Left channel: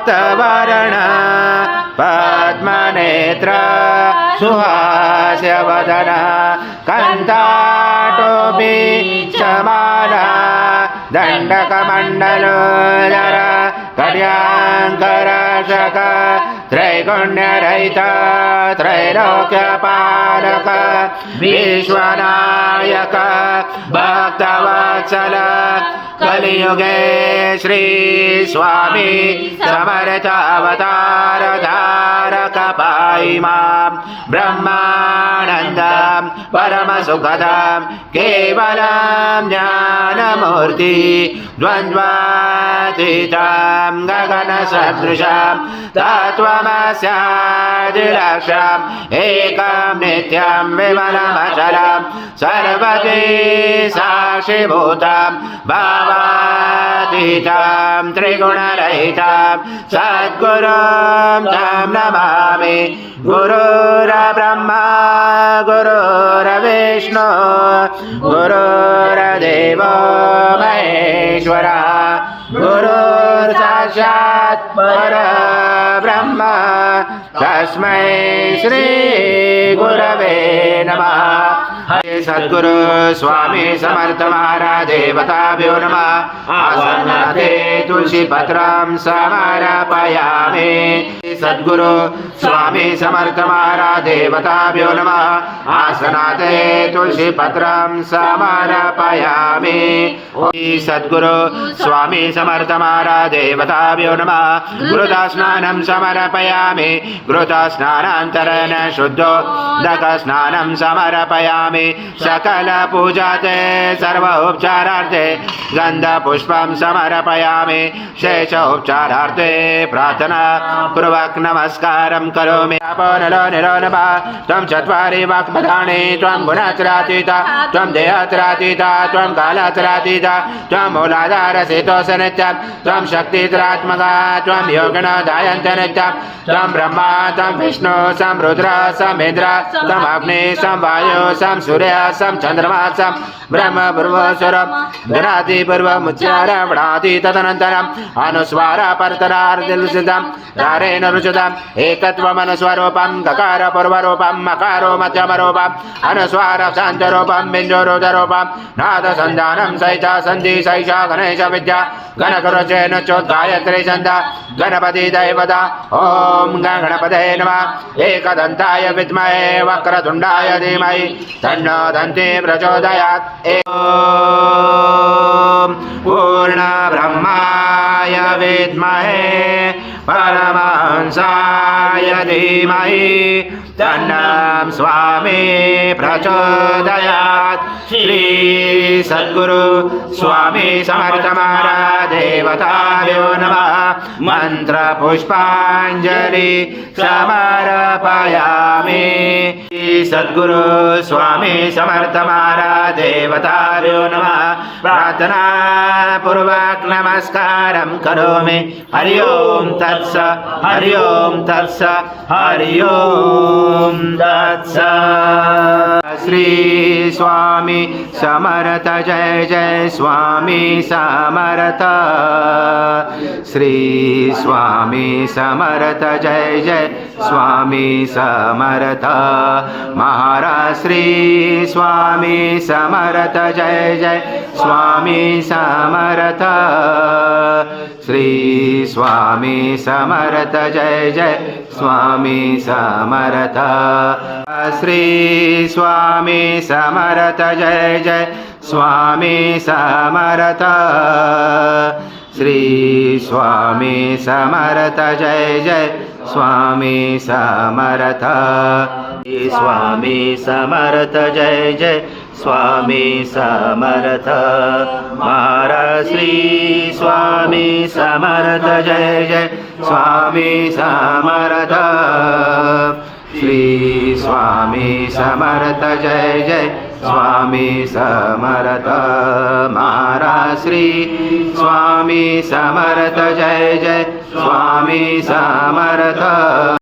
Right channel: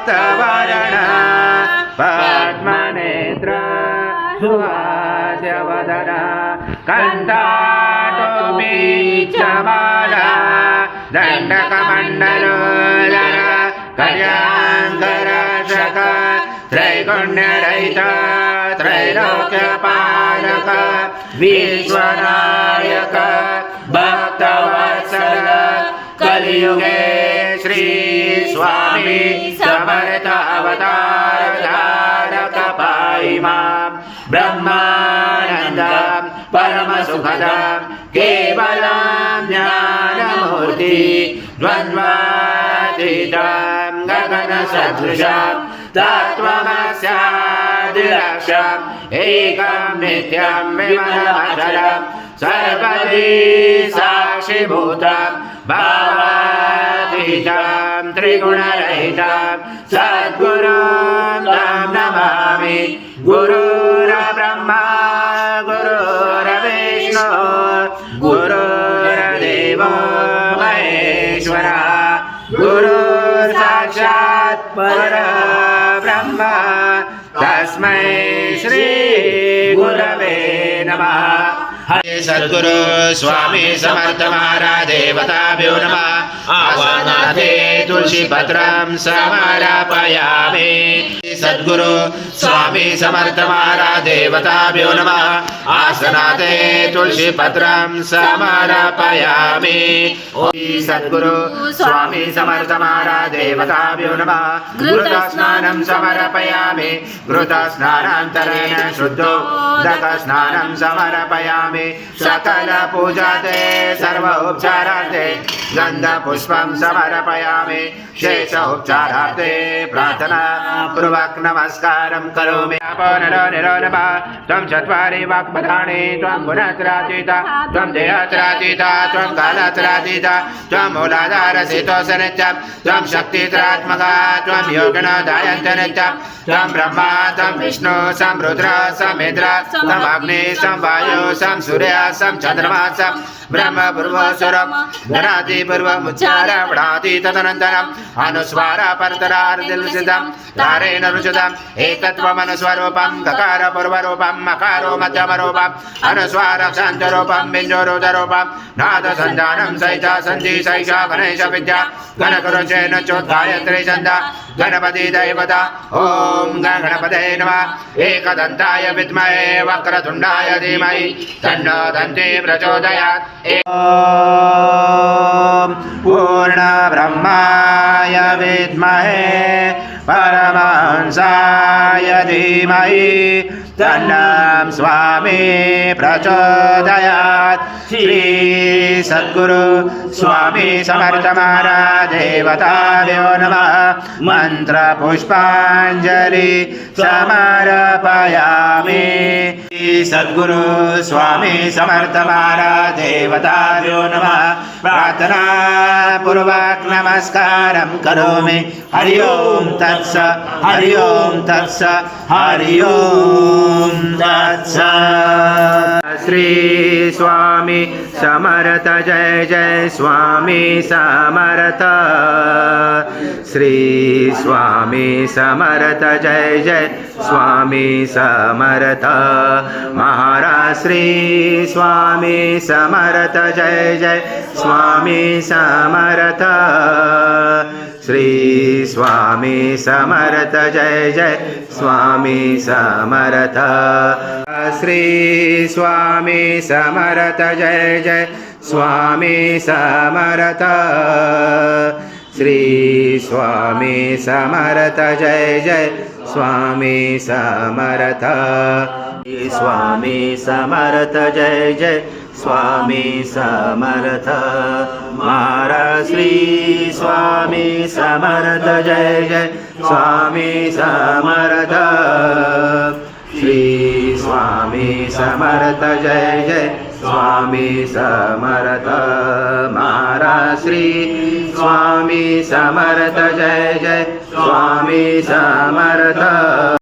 रक्तवर्ण पद्मनेत्र सुहास्यवदन कंठाटोपी चमाला दंडकमण्डलोदर कल्याङ्करशक त्रैगुण्यरहित त्रैलोक्यपालक विश्वनायक भक्तवत्सल कलियुगे श्री स्वामी समर्थ अवतार धारक पाहि मां ब्रह्मानन्दं परमसुखदं केवलं ज्ञानमूर्ति द्वन्द्वातीतं गगनसदृशं तत्त्वमस्यादिलक्ष्यम् एकं नित्यं विमलमचलं सर्वती साक्षिभूतं भावातीतं त्रिगुणरहितं सद्गुरुं तं नमामि गुरुर्ब्रह्मा गुरुर्विष्णु गुरुर्देवो महेश्वरा गुरुर्साक्षात् परब्रह्म तस्मै श्री गुरवे नमः। सद्गुरु स्वामी समर्थ महाराज देवताभ्यो नमः। आसनाते तुलसी पत्रं समर्पयामि। सद्गुरु स्वामी समर्थ महाराज देवताभ्यो नमः। आसनाते तुलसी पत्रं समर्पयामि। सद्गुरु स्वामी समर्थ महाराज देवताभ्यो नमः। घृतस्नानं समर्पयामि। घृतस्नानान्तरेण शुद्धोदकस्नानं समर्पयामि। सकल पूजाते सर्व उपचारार्थे गन्धपुष्पं समर्पयामि। शेष उपचारार्थे प्रार्थना पूर्वक नमस्कारं करोमि। त्वं चत्वारि वाक्पदानि त्वं गुणत्रयातीता त्वं देहत्रयातीता त्वं कालत्रयातीता त्वं मूलाधारस्थितोऽसि नित्यं त्वं शक्तित्रात्मका त्वं योगिनोऽधायन्त नित्यं त्वं ब्रह्मा त्वं विष्णु सं रुद्र सं इन्द्र सं अग्नि सं वायु सं सूर्य सं चन्द्रमा सं ब्रह्म पूर्वस्वरं धनाति पूर्वमुच्चारणि तदनन्तरम् अनुस्वार परतरार्धनिषिद्धं धारेण रुचितम् एकत्वमनुस्वरूपं गकार पूर्वरूपं मकारो मध्यमरूपम् अनुस्वार शान्तरूपं बिन्दुरुदरूपं नादसन्धानं सहित सन्धि सहित गणेश विद्या गणकरुचेन चोद्गायत्री छन्द गणपति दैवता ॐ गणपतये नमः। एकदन्ताय विद्महे वक्रतुण्डाय धीमहि तन्नो दन्ती प्रचोदयात्। ॐ पूर्णब्रह्माय विद्महे परमहंसाय धीमहि तन्नः स्वामी प्रचोदयात्। श्री सद्गुरु स्वामी समर्थ महाराज देवताभ्यो नमः। मंत्र पुष्पांजलि समर्पयामि। सद्गुरु स्वामी समर्थ महाराज देवताभ्यो नमः। प्रार्थना पूर्वक नमस्कारं करोमि। हरि ओम तत्सत् हरि ओम तत्सत् हरि ओम तत्सत्। श्री स्वामी समर्थ जय जय स्वामी समर्थ। श्री स्वामी समर्थ जय जय स्वामी समर्थ। महाराज श्री स्वामी समर्थ जय जय स्वामी समर्थ। श्री स्वामी समर्थ जय जय स्वामी समर्थ। श्री स्वामी समर्थ जय जय स्वामी समर्थ। श्री स्वामी समर्थ जय जय स्वामी समर्थ। स्वामी समर्थ जय जय स्वामी समर्थ। महाराज श्री स्वामी समर्थ जय जय स्वामी समर्थ। श्री स्वामी समर्थ जय जय स्वामी समर्थ। महाराज श्री स्वामी समर्थ जय जय स्वामी समर्थ।